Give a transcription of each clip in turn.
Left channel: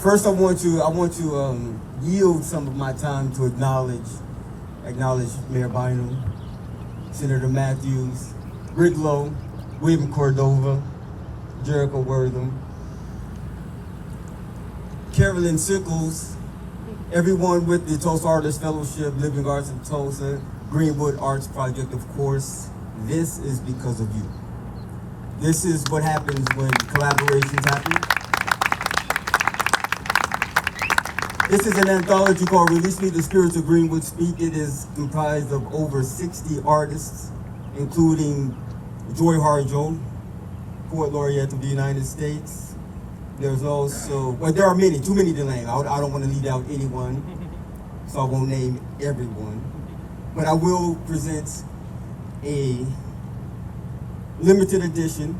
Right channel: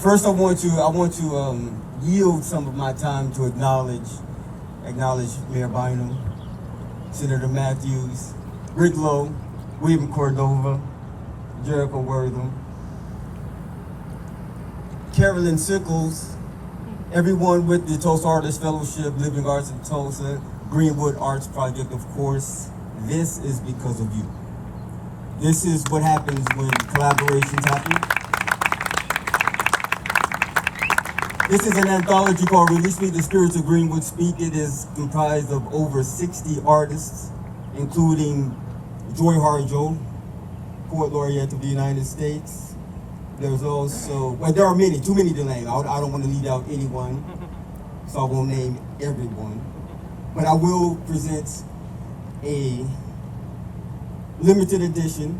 First, I want to yield some of my time to acknowledge Mayor Bynum, Senator Matthews, Rick Lowe, William Cordova, Jericho Wortham, Carolyn Sickles, everyone with the Tulsa Artists Fellowship, Living Arts of Tulsa, Greenwood Arts Project, of course. This is because of you. This is what happens when collaborations happen. This is an anthology called Release Me, the Spirits of Greenwood Speak. It is comprised of over 60 artists, including Joy Harjo, Poet Laureate of the United States. There's also, well, there are many, too many to name. I don't want to leave out anyone, so I won't name everyone. But I will present a limited edition,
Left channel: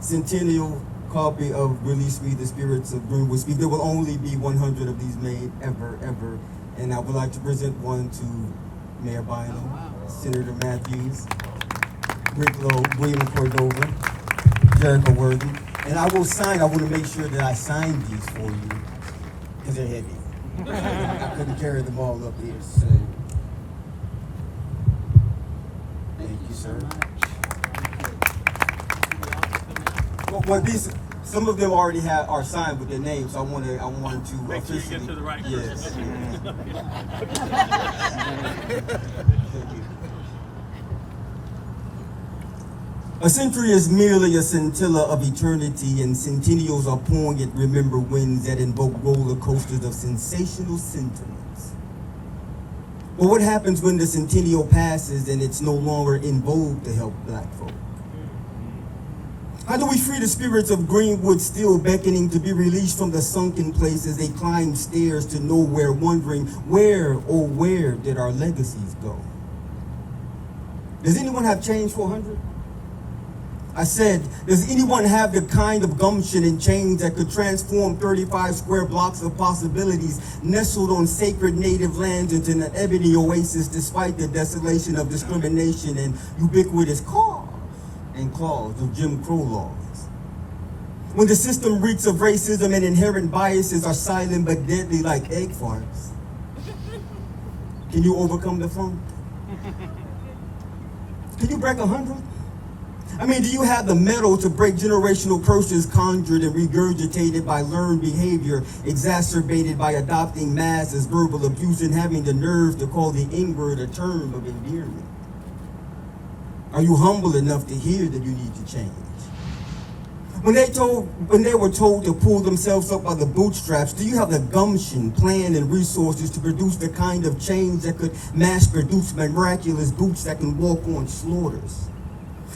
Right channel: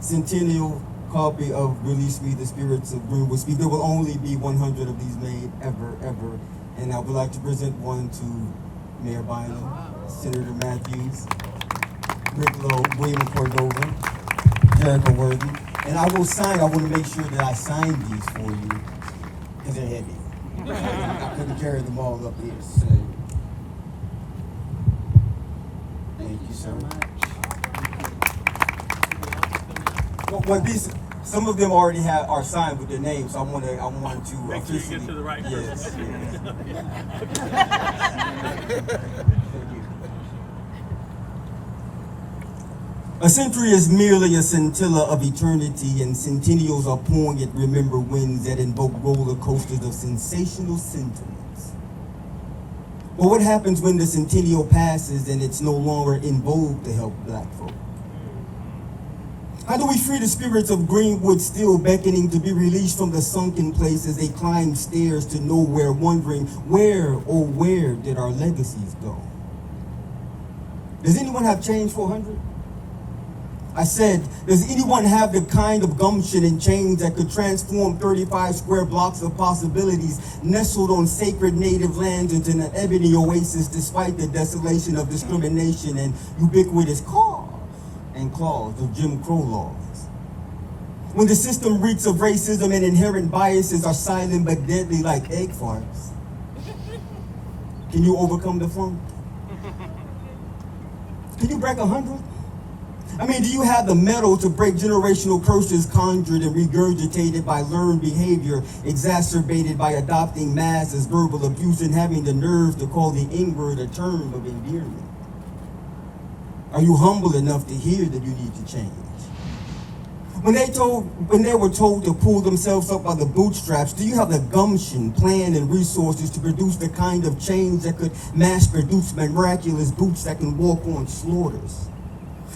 centennial copy of Release Me, the Spirits of Greenwood Speak. There will only be 100 of these made, ever. And I would like to present one to Mayor Bynum, Senator Matthews, Rick Lowe, William Cordova, Jericho Wortham. And I want to make sure that I sign these for you, because they're heavy. I couldn't carry them all up here, so. Thank you so much. Well, some of them already are signed with their names, so I wanted to make sure you get to the right person. A century is merely a scintilla of eternity, and centennials are poignant remember winds that invoke roller coasters of sensational sentiments. But what happens when the centennial passes and it's no longer in vogue to help Black folk? How do we free the spirits of Greenwood still beckoning to be released from the sunken place as they climb stairs to nowhere, wondering where, oh where did our legacies go? Does anyone have change for 100? I said, does anyone have the kind of gumption and change that could transform 35 square blocks of possibilities nestled on sacred native lands into an ebony oasis despite the desolation of discrimination and ubiquitous caws and claws of Jim Crow laws? When the system reeks of racism and inherent biases are silent but deadly like egg farts, can you overcome the funk? Can you break 100? I mean, do you have the mettle to break generational curses conjured and regurgitated by learned behavior, exacerbated by adopting mass as verbal abuse and having the nerve to call the N-word a term of endearment? Are you humble enough to hear that you need to change? When they were told to pull themselves up by the bootstraps, do you have the gumption, plan, and resources to produce the kind of change that could mass produce miraculous boots that can walk on slaughters?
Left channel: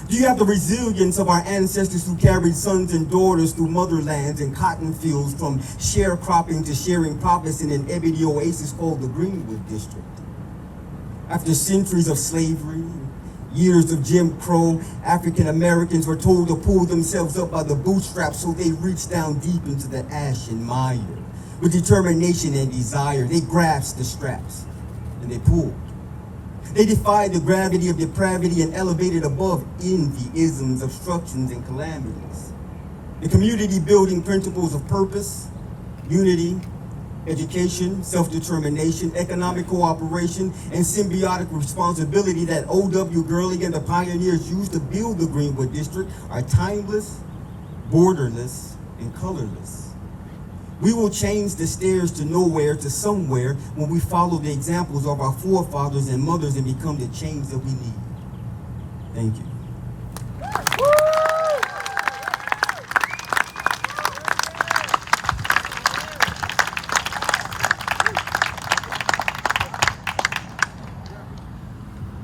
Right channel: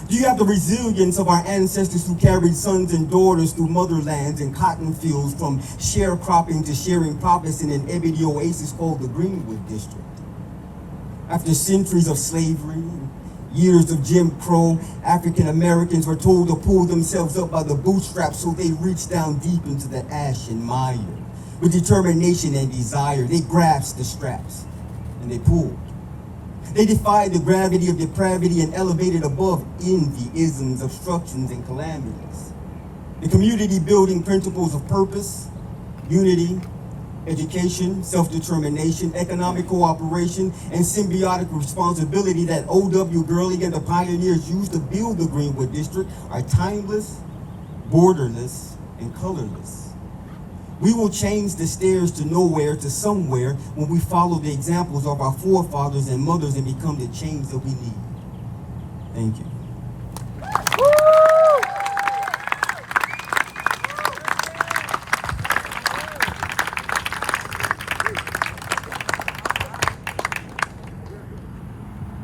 Do you have the resilience of our ancestors who carried sons and daughters through motherlands and cotton fields, from sharecropping to sharing profits in an ebony oasis called the Greenwood District? After centuries of slavery, years of Jim Crow, African Americans were told to pull themselves up by the bootstraps, so they reached down deep into the ash and mire. With determination and desire, they grasped the straps and they pulled. They defied the gravity of depravity and elevated above envy, isms, obstructions, and calamities. The community building principles of purpose, unity, education, self-determination, economic cooperation, and symbiotic responsibility that O.W. Gurley and the pioneers used to build the Greenwood District are timeless, borderless, and colorless. We will change the stairs to nowhere to somewhere when we follow the examples of our forefathers and mothers and become the change that we need. Thank you.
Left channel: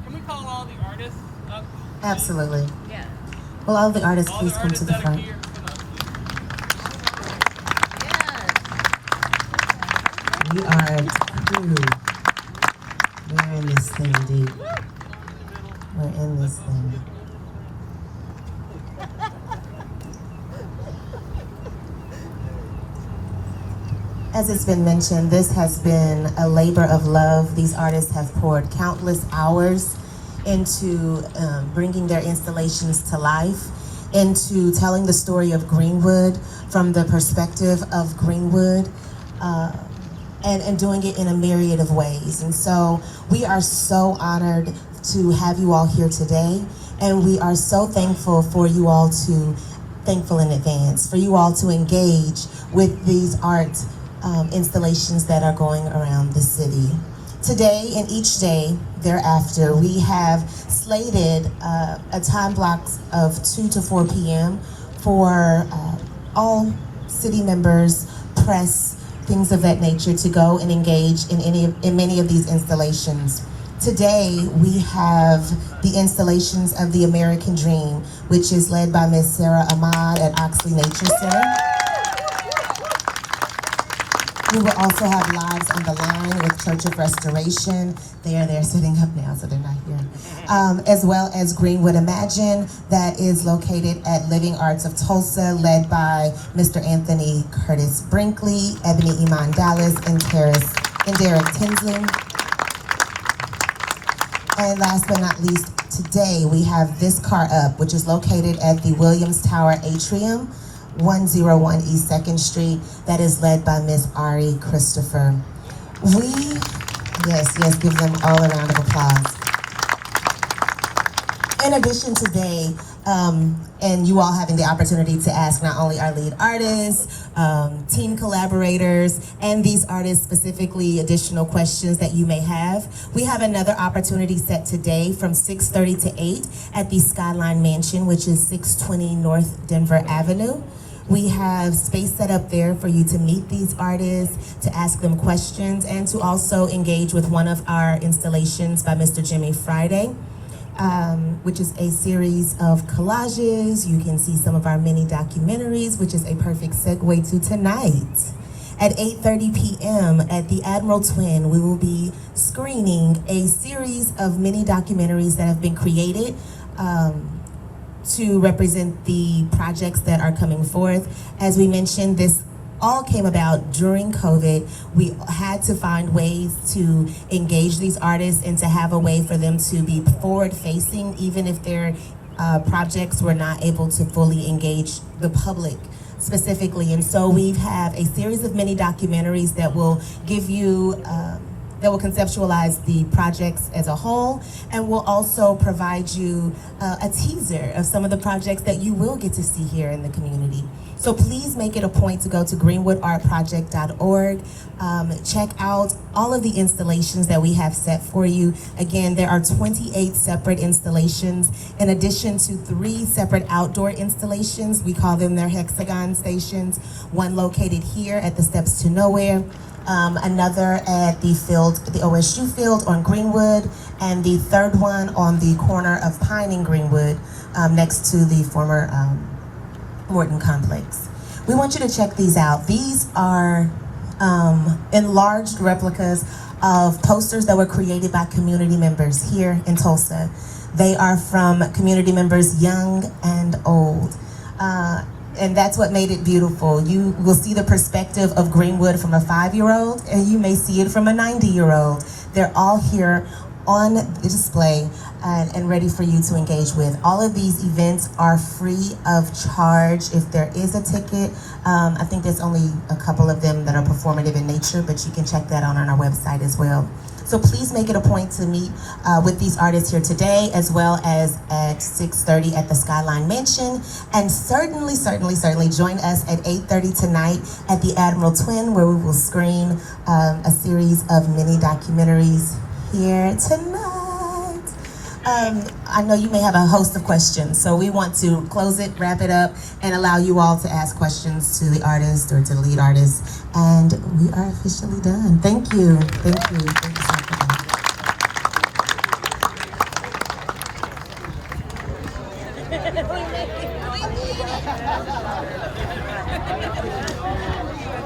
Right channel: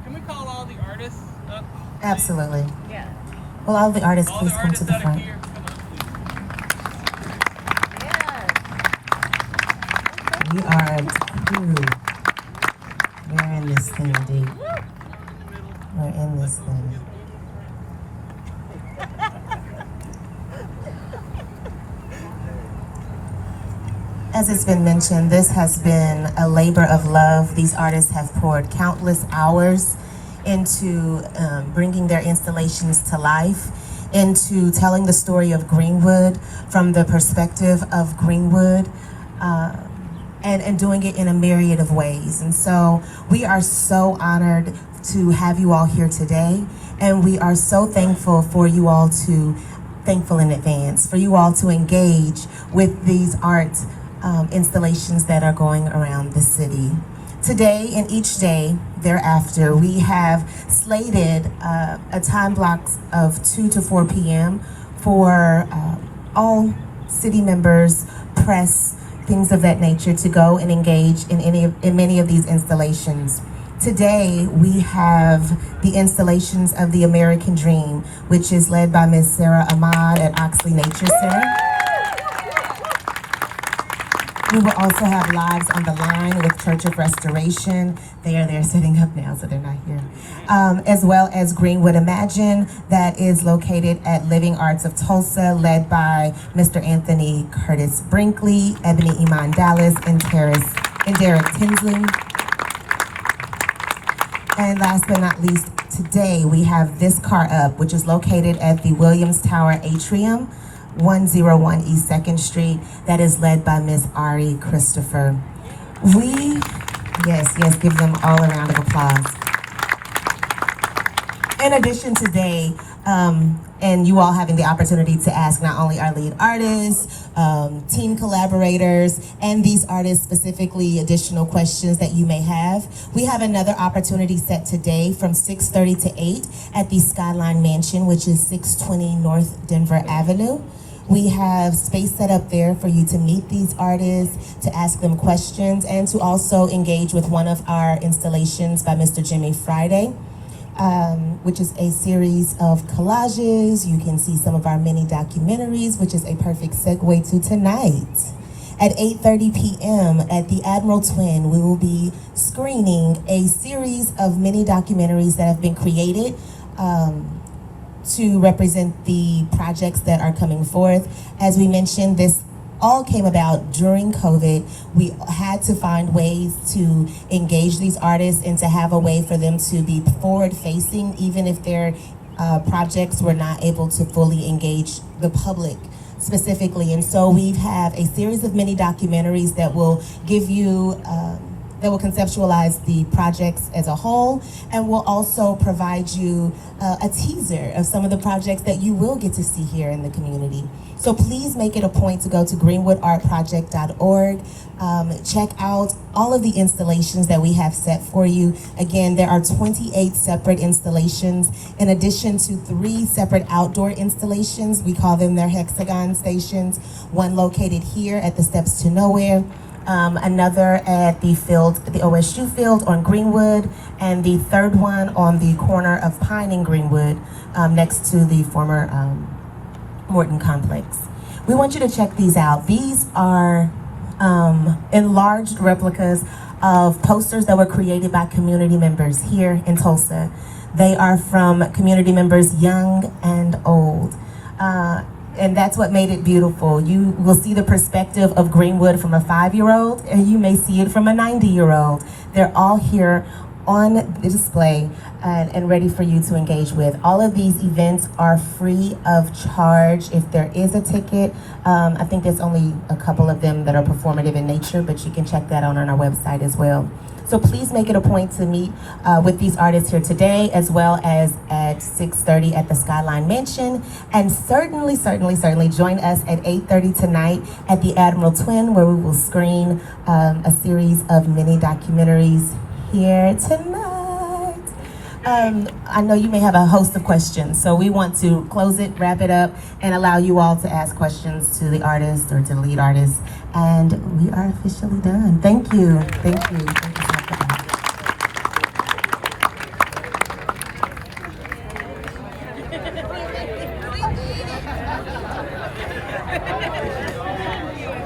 Can we call all the artists up? Absolutely. Yeah. Will all the artists All please the come to artists the that are front? here, come up. We are we're in this thing deep. We're in this thing. As it's been mentioned, this has been a labor of love. These artists have poured countless hours into bringing their installations to life. into telling the story of Greenwood from the perspective of Greenwood, and doing it in a myriad of ways. And so we are so honored to have you all here today, and we are so thankful for you all thankful in advance for you all to engage with these art installations that are going around the city. Today and each day thereafter, we have slated a time block of 2 to 4 p.m. for all city members, press, things of that nature to go and engage in many of these installations. Today, we have the installations of the American Dream, which is led by Ms. Sarah Ahmad at Oxley Nature Center. We will also have Lives on the Line with Church of Restoration. They are there setting up now, so they're not here. As well as Greenwood Imagine, that is located at Living Arts of Tulsa, led by Mr. Anthony Curtis Brinkley, Ebony Iman Dallas, and Derek Tinsley. And last but not least, today we have This Car Up, which is located at the Williams Tower Atrium, 101 East 2nd Street, that is led by Miss Ari Christopher. Yes, give them all a round of applause. In addition today, and you all having the opportunity to ask not only our lead artists, team collaborators, and these artists specifically additional questions that you may have, we have another opportunity set today from 6:30 to 8 at the Skyline Mansion, which is 620 North Denver Avenue. We have space set up there for you to meet these artists, to ask them questions, and to also engage with one of our installations by Mr. Jimmy Friday, which is a series of collages. You can see some of our mini documentaries, which is a perfect segue to tonight. At 8:30 p.m. at the Admiral Twin, we will be screening a series of mini documentaries that have been created to represent the projects that are coming forth. As we mentioned, this all came about during COVID. We had to find ways to engage these artists and to have a way for them to be forward-facing, even if their projects were not able to fully engage the public specifically. And so we have a series of mini documentaries that will give you that will conceptualize the projects as a whole, and will also provide you a teaser of some of the projects that you will get to see here in the community. So please make it a point to go to greenwoodartproject.org. Check out all of the installations that we have set for you. Again, there are 28 separate installations, in addition to 3 separate outdoor installations. We call them their hexagon stations, one located here at the Steps to Nowhere, another at the OSU field on Greenwood, and the third one on the corner of Pine and Greenwood, next to the former Morton complex. We want you to check these out. These are enlarged replicas of posters that were created by community members here in Tulsa. They are from community members young and old. And that's what made it beautiful. You will see the perspective of Greenwood from a 5-year-old, and you may see it from a 90-year-old. They're all here on display and ready for you to engage with. All of these events are free of charge. If there is a ticket, I think there's only a couple of them that are performative in nature, but you can check that out on our website as well. So please make it a point to meet with these artists here today, as well as at 6:30 at the Skyline Mansion. And certainly join us at 8:30 tonight at the Admiral Twin, where we will screen a series of mini documentaries here tonight. I know you may have a host of questions, so we want to close it, wrap it up, and allow you all to ask questions to the artist or to the lead artist. And we are officially done. Thank you. Thank you. Thank you so much.